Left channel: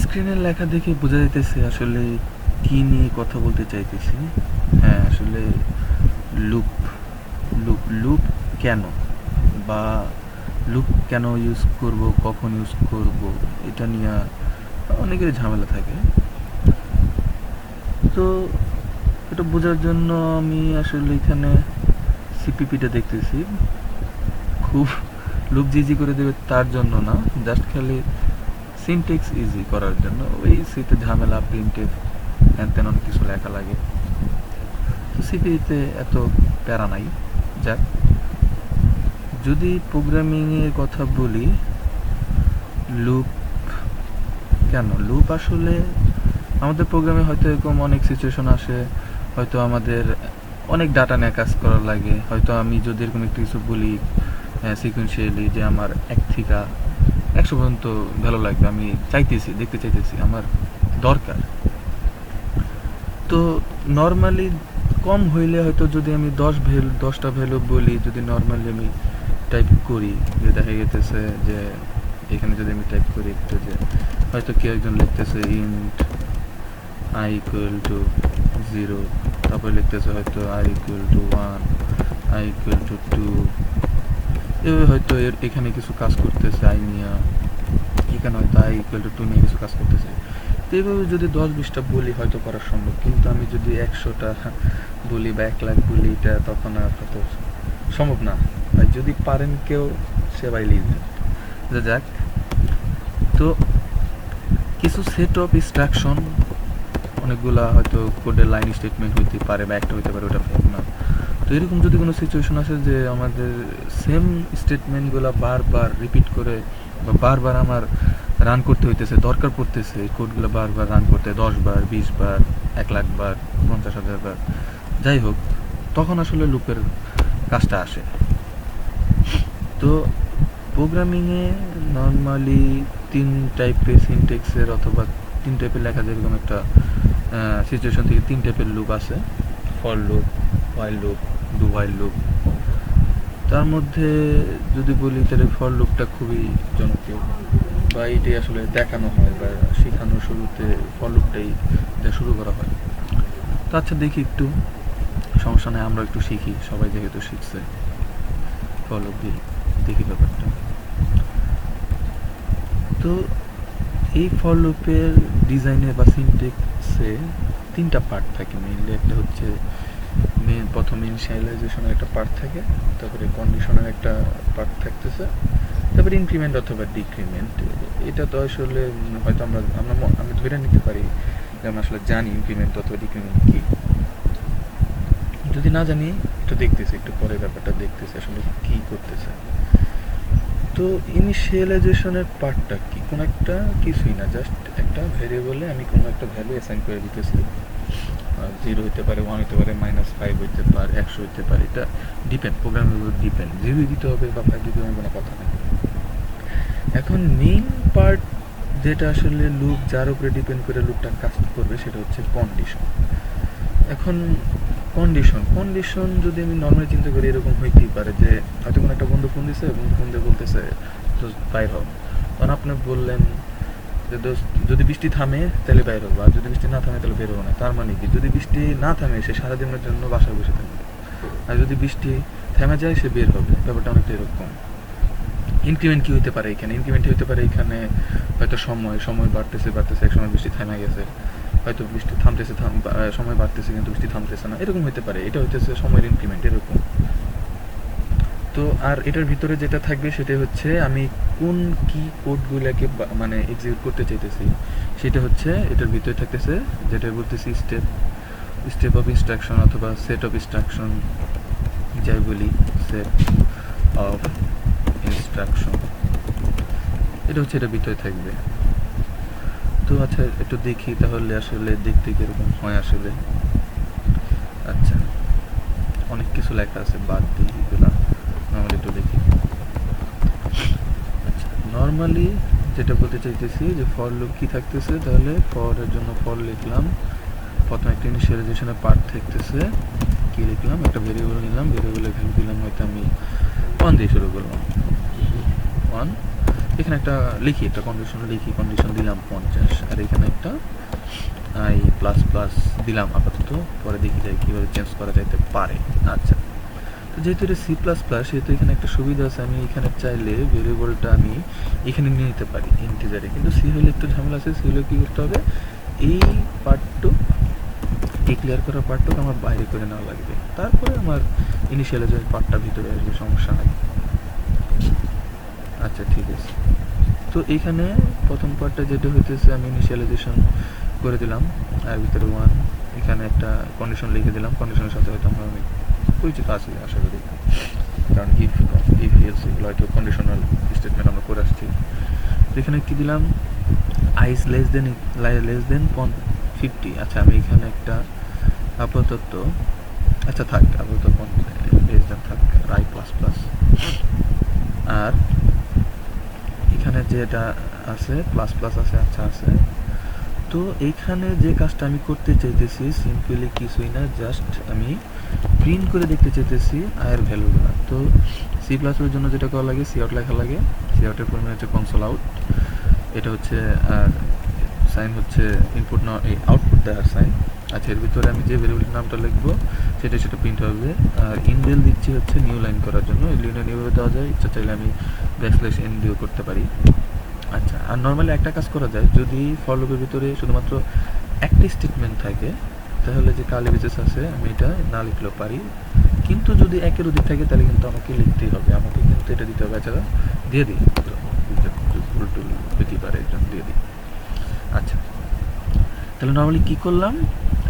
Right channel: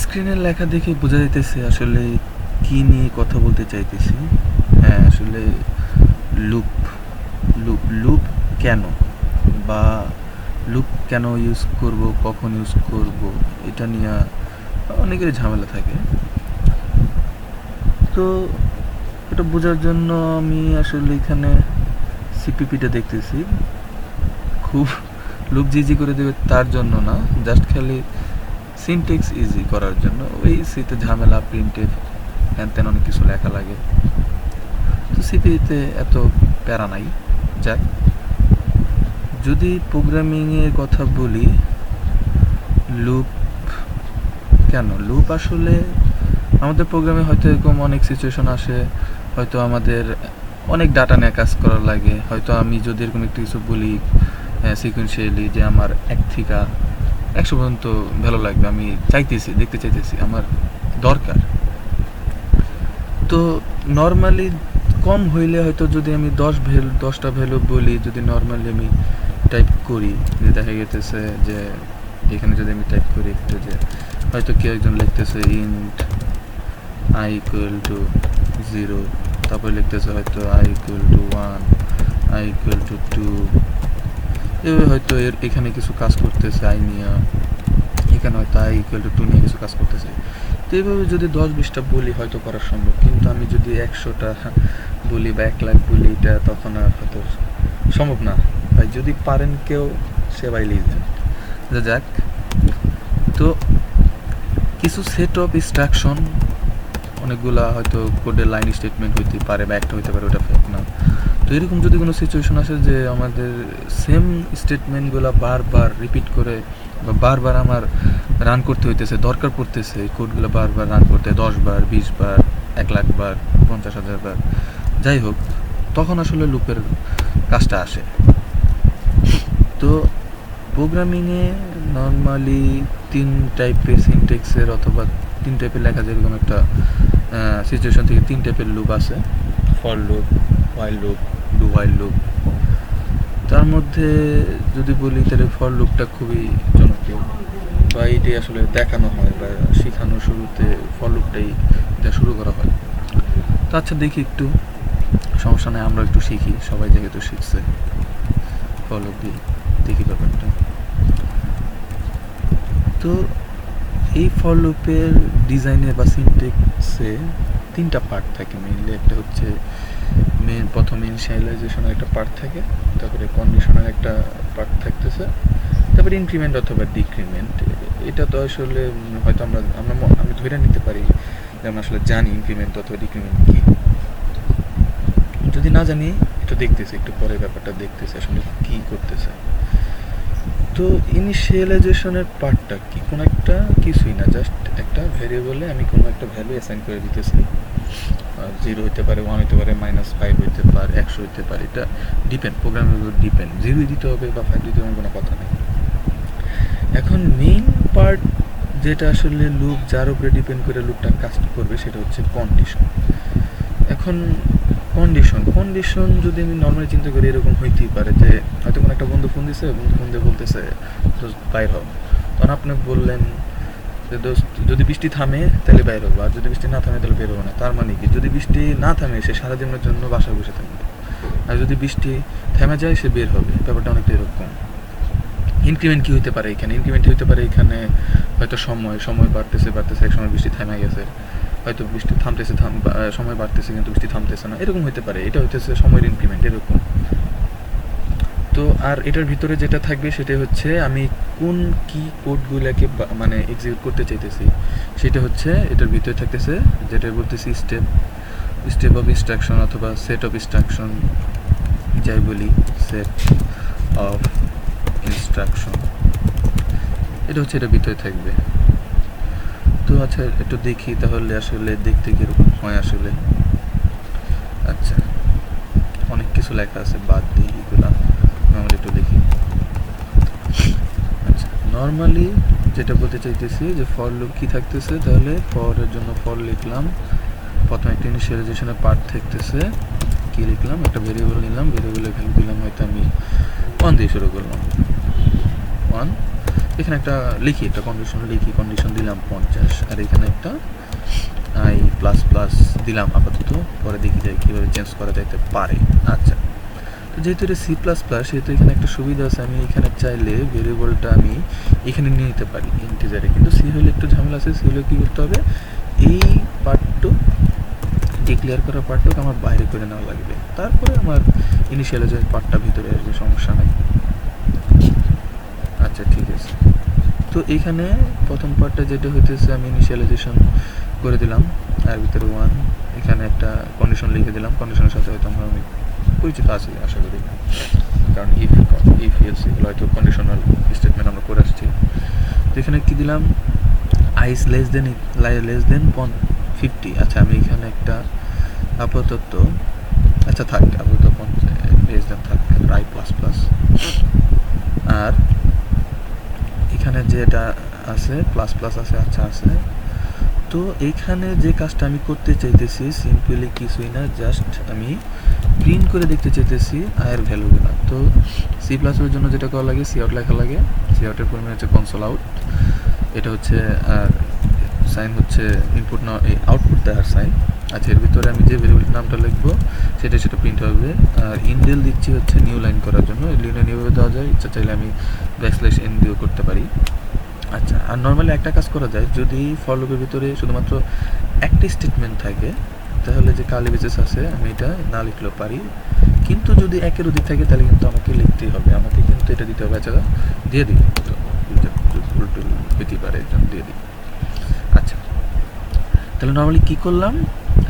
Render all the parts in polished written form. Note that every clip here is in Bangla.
স্ক্রিনের লেখা দেখে বোঝা যাইতেছে আসলে কি নিয়ে কথা বলতে চাইতেছি। হ্যাঁ, আসলে লুপ লুপ লুপ কেন, বা লুপ কেন ইউজ করব, কখন ইউজ করব, এটা নিয়ে অনেকের ঝামেলা থাকে। তো এটা বোঝার জন্য আমি আসলে এখানে সিপিপিটা দেখতেছি। খুব লুপ যে ইজি করে দেবে তার জন্য না, জাস্ট খালি সিনটেক্স ইজি করার জন্য। ওই সিতে ঝামেলা, প্রিন্টে হ্যান তেন অনেক কিছু লেখা লাগে, তো সিপিতে এত প্যারা নাই। যাক, যদি প্রোগ্রামিংয়ের কথা বলি, লুপ কেন, লুপ আসলে আমাদের প্রোগ্রামে হয়তো এরকম অনেক সিচুয়েশন আসে, হয়তো আমাদের অনেক ডাটা নিয়ে কাজ করার লাগে। হয়তো আমি যদি এরকম একটু কিছু বলি সিকুয়েন্সিয়ালি, যে আমার 1 থেকে 100 পর্যন্ত ভালো লাগবে, আমি চাইতেছি, দেখতে চাইতেছি, আমার দরকার। তো নর্মালি কম হইলে হয়তো যদি আমি 10টা ভ্যালু বলি, যদি নর্মালি আমি টাইপ করি, যে দেখা গেতেছে যে এখানে যদি আমি টাইপ করি একটু, যে হয়তো কেউ একজন লিখতেছে ইন্ট i ইকুয়াল টু 0, তারপরে লিখতেছে হয়তো i equal to 1, i equal to 2, এভাবে হয়তো এখানে কিছু কাজ করতেছে i নিয়ে, এখানে হয়তো i ইকুয়াল টু 2 নিয়ে কিছু কাজ করতেছে। তো এইভাবে যদি 10-20টা বলি হয়তো করা সম্ভব, কিন্তু আমি যদি 100টা বলি বা 1 লাখ বলি, এটা তখন আর হয়তো সম্ভব না। ভাই যদি পারেন কেউ, সে ভাই লিখবেন। যাক, তো কিছু সেট অফ ইনস্ট্রাকশন, অনেকগুলা হয়তো কোডের লাইন স্টেটমেন্ট হইতে পারে বা একটা হইতে পারে, ওটা ফেক না। তো এরকম যদি কোনো সিচুয়েশন আসে যে আমাদের সেম স্টেটমেন্টগুলো বারবার রিপিট করে বা বারবার আমার রান করতে হইতেছে, দরকার পড়তেছে এই কোডগুলো বারবার রান করতে 10 বার, 20 বার, 1 লাখ বার, 50,000 বার, যাই হোক, তখন আসলে লুপের কাজটা আসে। তো প্রোগ্রামিংয়ে নর্মালি 3 টাইপের সিনটেক্সের অথবা 3 টাইপের লেখা, যেরকম একটা সিচুয়েশন থেকে 3 টাইপের লুপ আছে: for loop, while loop, do while loop. তার মধ্যে যদি বলি, তাহলে ফর লুপটা খুবই জনপ্রিয়, বা এটাই আসলে দেখানো হয় বা শেখানোর শুরুতে ফর লুপটাই দেওয়া শুরু করা হয়। তো আচ্ছা, দেখি একটু, সমস্যা নেই, আমরা একটু শিখি, সবাই যেহেতু শিখছে ফর লুপ দিয়ে, দেখি ব্যাপারটা। তো এই ফর লুপের ডিজাইনে বা সিনটেক্সে 3টা পার্ট থাকে মেইনলি। একটা হচ্ছে প্রথম ইনিশিয়ালাইজেশনের একটা পার্ট থাকে, তারপরে কন্ডিশনের একটা পার্ট থাকতেছে, তারপরে ইনক্রিমেন্ট অথবা ডিক্রিমেন্ট। এটা তো আসলে হয়তো আমি ধরে নিতে পারি যে আমরা আসলে জানি ইনক্রিমেন্ট অথবা ডিক্রিমেন্ট কি। যদি না জানি, একটু দেখতেছি, একটু পরে ব্যাপারটা দেখতেছি আসলে কি করতেছে। তো ইনিশিয়ালাইজেশনের পার্টটা কি, কোনো একটা কিছুই না, জাস্ট একটা ভেরিয়েবলে আমি কোনো একটা ভ্যালু অ্যাসাইন করে দিতেছি। 0 হইতে পারে, 1 হইতে পারে, -5 হইতে পারে, 100 হইতে পারে, এটা ডিপেন্ড, প্রোগ্রামের উপর ডিপেন্ড। 0 দিতে হবে বা 5 দিতে হবে কোনো কথা নেই। এখন মেইন পার্ট যেটা আসলে লুপ, যার উপরে ডিপেন্ড করে লুপটা কাজ করবে, সেটা হচ্ছে কন্ডিশন। এখন কন্ডিশন যদি আমি নর্মালি চিন্তা করি, এরকম হইতেই পারে যে হয়তো কোনো একটা বন্ধু ফোন দিছে, বন্ধু ফোন দিয়ে বলতেছে দোস্ত বাইর হও, তখন আপনি বললেন যে দোস্ত যদি বৃষ্টি থামে তাহলে বাইর হবো, আর যদি বৃষ্টি না থামে তাহলে বের হবো না। তার মানে কি, যদি বৃষ্টি না থামে সে সারাদিনের জন্য বাসায় বসে থাকবে, আর যদি বৃষ্টি থেমে যায় সে বের হবে। ব্যাপারটা অনেকটা এরকম। ইনক্রিমেন্ট কি হতে পারে এখানে, ইনক্রিমেন্ট হতে পারে এখানে হয়তো সময় বাড়তেছে, এক সময় বৃষ্টি থেমে গেছে, হয়তো বৃষ্টি থামতেছে, সময় বাড়তেছে কিন্তু বৃষ্টি থামতেছে না, এরকম হতে পারে। এটা হইতেছে সময়ের ইনক্রিমেন্ট, এরকম। তো আর এটার ভিতরে যেটা থাকবে সেটা হচ্ছে আমি কোন কি কোডগুলোকে মানে এক্সিকিউট করতে চাইতেছি, সেটা হচ্ছে এটার ভিতরে থাকতেছে, যেটা বলতেছি স্টেপ অফ ইনস্ট্রাকশন অথবা সেট অফ ইনস্ট্রাকশন, যাই বলি, সেট অফ ইনস্ট্রাকশন, এটা হচ্ছে এটার ভিতরে থাকবে। তো আচ্ছা, একটু দেখি তাহলে আসলে দেখতে কীরকম হয় আসলে। আচ্ছা, অনেক কিছু লেখা আছে, বাদ দিই এগুলা, নর্মালি একটু লিখি। আচ্ছা, নর্মালি যেটা বলতে চাইতেছি যে ফর লুপ কী থাকতেছে, তাহলে ফরের জন্য ফর লিখলাম, প্রথমে একটা ইনিশিয়ালাইজেশনের পার্ট থাকতেছে, কী লিখলাম, একটা ভেরিয়েবল নিলাম, ভেরিয়েবলের ভ্যালু দিলাম, হয়তো আমি 1 দিয়ে শুরু করলাম, 1। এখানে একটা লিখি, একটা কন্ডিশন লিখি, কন্ডিশন দিলাম 50, আর এখানে একটা আই প্লাস প্লাস দিলাম আপাতত, পরে দেখি যায় কীভাবে চেঞ্জ করা যাইতে পারে। আচ্ছা, তো যেহেতু এটা সি প্লাস প্লাস, সেহেতু এখানে একটা সুবিধা আছে, আমি এখানে চাইলে ভেরিয়েবলটা আমি এখানে নিয়ে নিতে পারি ইন্টিজারে, কিন্তু সি হলে একটু ঝামেলা আছে। সি হলে কী করতে হবে, এই পার্টটুক ডিক্লেয়ার করা পার্টটুক আমার বাইরে করে নেওয়া লাগবে, তারপরে আমার ইনিশিয়ালাইজের পার্টটা ভিতরে আসবে, সমস্যা নাই। আচ্ছা ঠিক আছে, তো এইখানে প্রথম পার্টটা যেটা হইতেছে আমি ইনিশিয়ালাইজেশন করে দিলাম, আর ভিতরে 1, এখানে একটা কন্ডিশন লিখে দিলাম, কন্ডিশনের সাথে হয়তো আমি পরিচিত আছি আশা করি, কারণ ইফ এলস এগুলো হয়তো কন্ডিশনাল স্টেটমেন্ট আমরা করে আসছি। তো এখানে কী দিলাম, আইস লেস দেন 50। আচ্ছা, আমি এখানে একটা আপাতত, আচ্ছা থাক আপাতত লেস দেন থাক, আই প্লাস প্লাস, আর এখানে যেটা আছে প্লাস প্লাস আছে, আচ্ছা আছে। তো এইখানে যে কাজটা আমি করতে চাইতেছি সিম্পলি কিছুই না, জাস্ট আমি প্রিন্ট করে দেখতে চাইতেছি আয়ের ভ্যালুগুলো। তো সি প্লাসের জন্য যেটা করা লাগে, সি আউট লেখা লাগে, সি আউটের ফর্মে হচ্ছে কনসোল আউট, এটা হচ্ছে, আর সাইন হচ্ছে ইনপুট না এই আউটপুট দেওয়ার সাইন। আচ্ছা, এর ভিতরে আমি যে ভেরিয়েবলের নামটা লিখবো সেটা প্রিন্ট হবে, আর ইনডেল দিচ্ছি হচ্ছে নিউ লাইন করার জন্য, এই লিনে নিউভাবে দেওয়া যায়, ইচ্ছা চাইলে আমি ব্যাকস্ল্যাশ এন দিয়েও করতে পারি। আচ্ছা, আর নর্মালি একটা কাজ করা যায়, যদি ফর লুপের ভিতরে শুধুমাত্র একটা স্টেটমেন্ট থাকে তাহলে যে কার্লি ব্রেসেস আছে আমি এটা না লিখলেও পারি, কিন্তু যদি একের অধিক থাকে তাহলে কিন্তু আমাকে লিখতেই হবে, আমাকে কিন্তু এটা দিতে হবে। আচ্ছা দিয়ে দিই, তো উল্টো পেতে পারে, একজন দিয়ে দিই। আচ্ছা, তাহলে নর্মালি কী করলাম,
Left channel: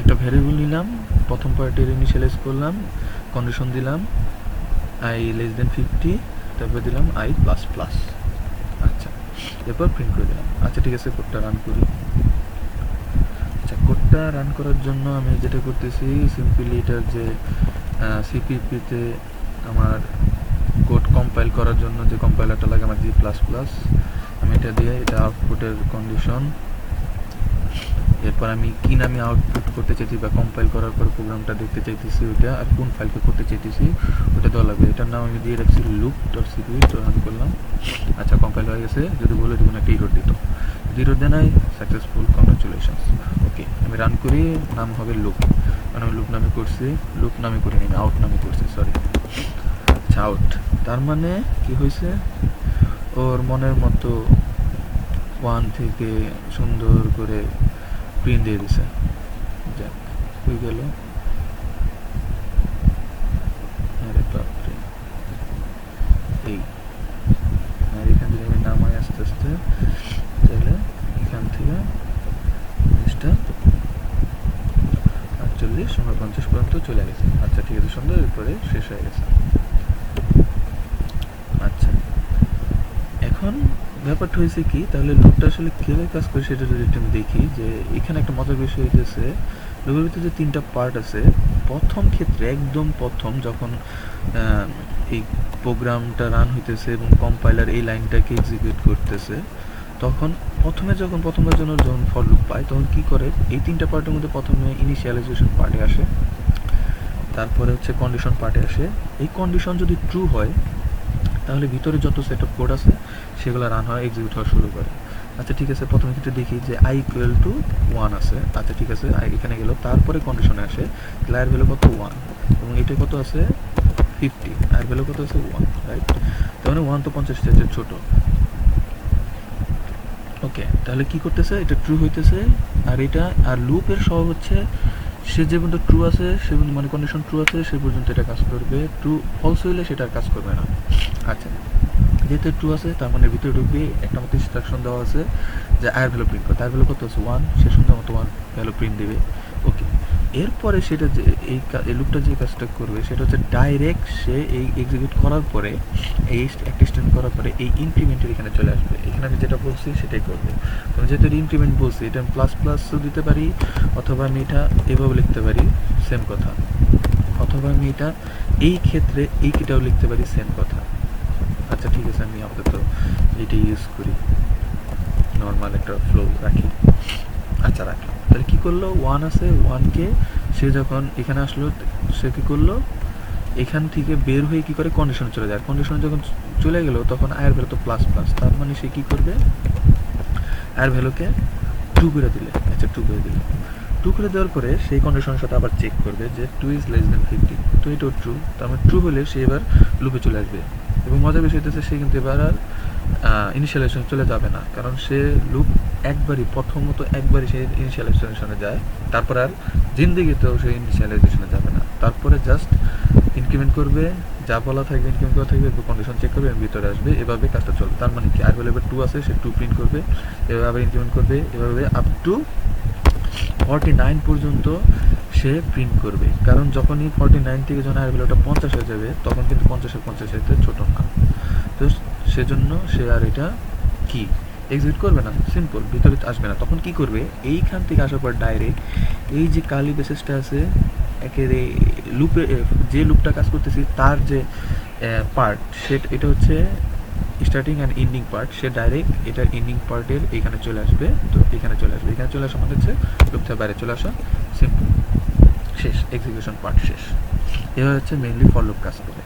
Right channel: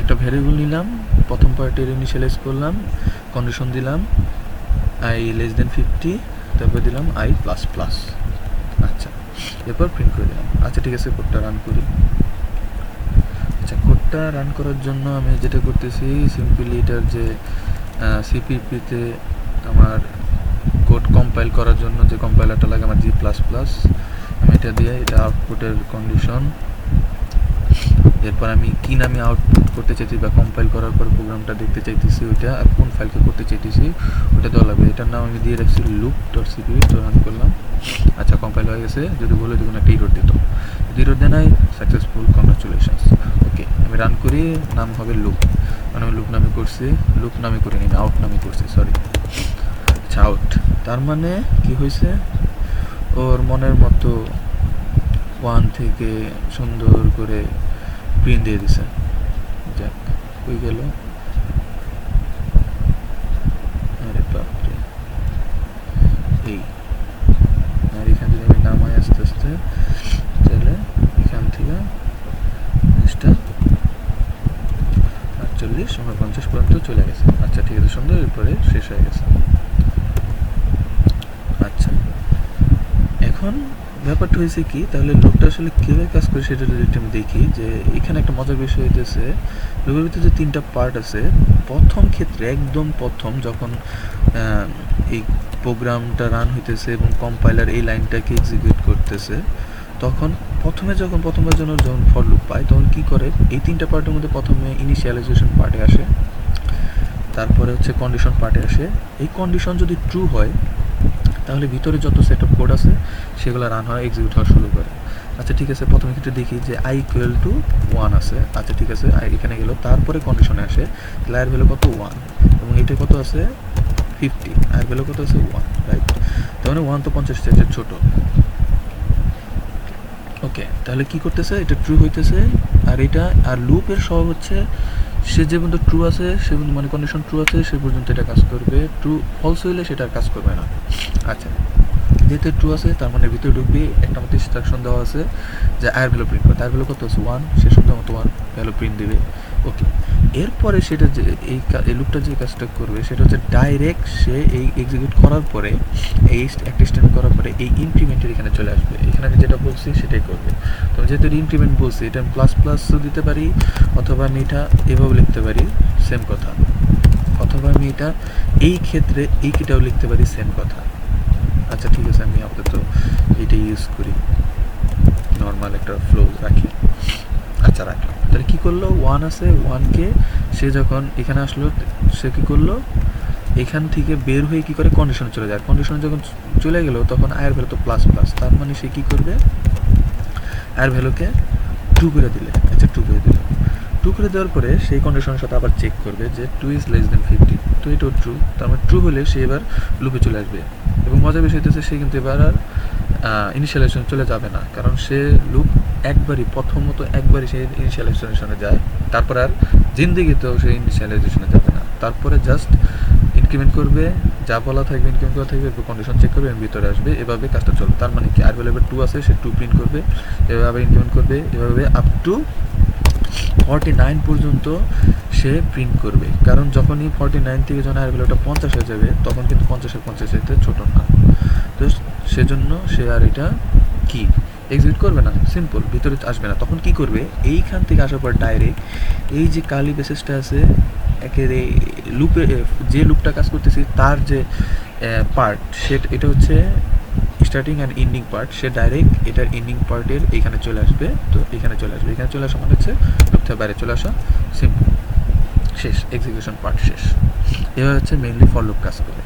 একটা ভ্যারিয়েবল নিলাম, প্রথম পার্টের ইনিশিয়ালাইজ করলাম, কন্ডিশন দিলাম আই লেস দেন 50, তারপর দিলাম আই প্লাস প্লাস। আচ্ছা, এরপর প্রিন্ট করে দিলাম। আচ্ছা ঠিক আছে, কোডটা রান করি। আচ্ছা, কোডটা রান করার জন্য আমি যেটা করতেছি সিম্পলি এটার যে সিপিপিতে আমার কোড কম্পাইল করার জন্য যে কম্পাইলারটা লাগে আমার জি প্লাস প্লাস, আমি এটা দিয়ে এটা আউটপুটের কন্ডিশন, এরপর আমি কি নামে আউটপুট করতে চাইছি বা কম্পাইল করার পর প্রোগ্রামটা দেখতে চাইতেছি ওইটা, আর কোন ফাইলকে করতে চাইতেছি ওটা দেওয়া লাগবে। এটার নাম আমি দিয়ে রাখছি loop.cpp, তো রান করলাম। আচ্ছা, কম্পাইল হয়ে গেছে, যদি বলে দেখুন একটা ইরোর দিত, যদি ইরোর দেয় নাই সাকসেসফুল, কংগ্রাচুলেশনস। ওকে, আমি রান করি, নাম হবে লুপ, মানে আমি লুপ নামে করছি, লুপ নামে করিনি, আমি আউট নামে করছি, সরি। আচ্ছা, আউট তার মানে কি হয়েছে, ওর মনের মতো 1 থেকে সুন্দর করে প্রিন্ট দিয়ে দিছে। যাক, হয়ে গেল। আরে বাপরে, এই আর এখান থেকে আমি নামাই আস্তে আস্তে, তাহলে এখান থেকে জিনিসটা 48-49 পর্যন্ত চলে গেছে। আচ্ছা ঠিক আছে, সুন্দর, এরপরে শেষ হয়ে গেছে। আচ্ছা, এখন ব্যাপারটা হয়েছে কি, তাহলে লুপটা আসলে কীভাবে কাজ করে সেটা যদি আমি দেখি, যে এখানে একটা মজার বিষয় হইতেছে, লুপের ভিতরে যে 3টা পার্ট আছে, প্রথম ক্ষেত্রে একদম প্রথম যখন এই প্রোগ্রামটা রান হইতেছে এবং কম্পাইলার এই লাইনটাকে এক্সিকিউট করতেছে, তখন প্রথমবার জন্য যখন ফর লুপ পায় তখন কী করে, এই 3টা পার্টের মধ্যে প্রথমে ইনিশিয়ালাইজেশন পার্টে আসে, তারপরে হচ্ছে কন্ডিশন পার্টে আসে। এই কন্ডিশন যদি ট্রু হয় তাহলে ভিতরে যত সেট অফ কোড আছে সেগুলো রান হয়, এক্সিকিউট হওয়া শুরু করে। আচ্ছা ঠিক আছে, প্রথমে ক্ষেত্রে দেখি যে i = 1 আছে। আচ্ছা ঠিক আছে, এখানে গেল, তারপরে কন্ডিশনে আসে, তাহলে আয়ের ভ্যালু কত 1, এবং এটা কত আছে 50, আয়ের ভ্যালু কত আছে 1, রাইট। তার মানে 1 তো 50 চেয়ে ছোট। ওকে, তাহলে কি করতেছে, এটা ট্রু হইতেছে, আর এটা আর লুপের স্বভাব হচ্ছে সে যে পর্যন্ত ট্রু আছে সে মানে কন্ডিশন ট্রু আছে সে পর্যন্ত এটা কাজ করবে, ট্রু ফলস হইলে সেটা আর কাজ করবে না। আচ্ছা, যেহেতু ট্রু আছে তার মানে ভিতরে ঢুকবে, একটা মতো ইনস্ট্রাকশন দেওয়া আছে যে আয়ের ভ্যালু প্রিন্ট করে, তার ভ্যালু কত আছে 1, সে সুন্দর মতো 1 ভ্যালু প্রিন্ট দেবে। ওকে, এরপরে সেটা যে এই লুপটা যে কাজটা করবে সেটা হচ্ছে ডাইরেক্ট সে এই এক্সিকিউট করার পরে, এই একটা স্টেটমেন্ট করার পরে এই ইনক্রিমেন্টের এখানে চলে আসবে, এখানে আমি যেটা বলছি সেটাই করবে। তো যেহেতু ইনক্রিমেন্ট বলছি, এটা আমি প্লাস প্লাসও দিতে পারি, অথবা আমি এটা এভাবে লিখতে পারি, সেম কথা, অথবা আমি এটা এই ক্ষেত্রে এই কিটাও লিখতে পারি, সেম কথা। আচ্ছা ঠিক আছে, আমি আপাতত এইটা ইউজ করি, নর্মাল একটা ফ্লো রাখি। আচ্ছা রাখলাম, তাহলে কী করলো, 1 আছে, 1কে সে যখন এখানে আসলো সে কী করলো, এখান থেকে বের হয়ে কি করে কন্ডিশনে চলে যায়, কন্ডিশনে যখন চলে গেল তখন আয়ের ভ্যালু তো প্লাস প্লাস, তার মানে সে কি করবে আয়ের ভ্যালুকে 2 করে দিলে, আচ্ছা 2 করে দিল, 2 করে দেওয়ার পরে সেই কন্ডিশনের সাথে আবার চেক করবে যে 2 ইজ লেস দেন 50, তো এটাও ট্রু, তার মানে ট্রু হলে সে এবার লুপে চলে আসবে। এবং মজার বিষয় হচ্ছে সে কিন্তু এবার আর ইনিশিয়ালাইজেশনে চলে যাবে না, কারণ সে লুপ প্রথমত একবারই সে ইনিশিয়ালাইজেশনে যায়, তারপর আর জিন্দেগিতেও সে ইনিশিয়ালাইজেশনে যাবে না, তারপরে জাস্ট ইনক্রিমেন্ট করবে, যা বলা থাকবে ইনক্রিমেন্ট করা থাকবে, এরপর কন্ডিশন চেক করবে এবং ভিতরে আসবে, এভাবে কাজটা চলবে। তার মানে কি আর ভ্যালু এবার 2 আছে, সে 2 প্রিন্ট করবে, এভাবে ইনক্রিমেন্ট করবে, এভাবে আপ টু 49 পর্যন্ত সে প্রিন্ট করবে, কারণ যখনই 49 থেকে যখন আর ভ্যালুটা 50 হয়ে যাবে তখন কিন্তু 50-এর 50 চাইতে ছোট না, তো সেজন্য সে আর এটা কি এক্সিকিউট করবে না, সিম্পল, ভিতরে আসবে না। তখন কি করবে, এইখান থেকে আসার পর ডাইরেক্ট এই যে কালি বেসিসটা আছে একেবারে লুপে, যে লুপটা কাজ করতেছি তার যে পার্ট সেটা, এটা হচ্ছে starting and ending part, say direct এটার এন্ডিং পার্টের এখানে চলে আসবে, তো এখানে চলে আসবে, এখানে চলে আসা মানে হচ্ছে লুপ থেকে বাইরে চলে আসা, সিম্পল, শেষ, এক্সিকিউশন পার্ট শেষ। এভাবে হচ্ছে মেইনলি ফর লুপ কাজ করে।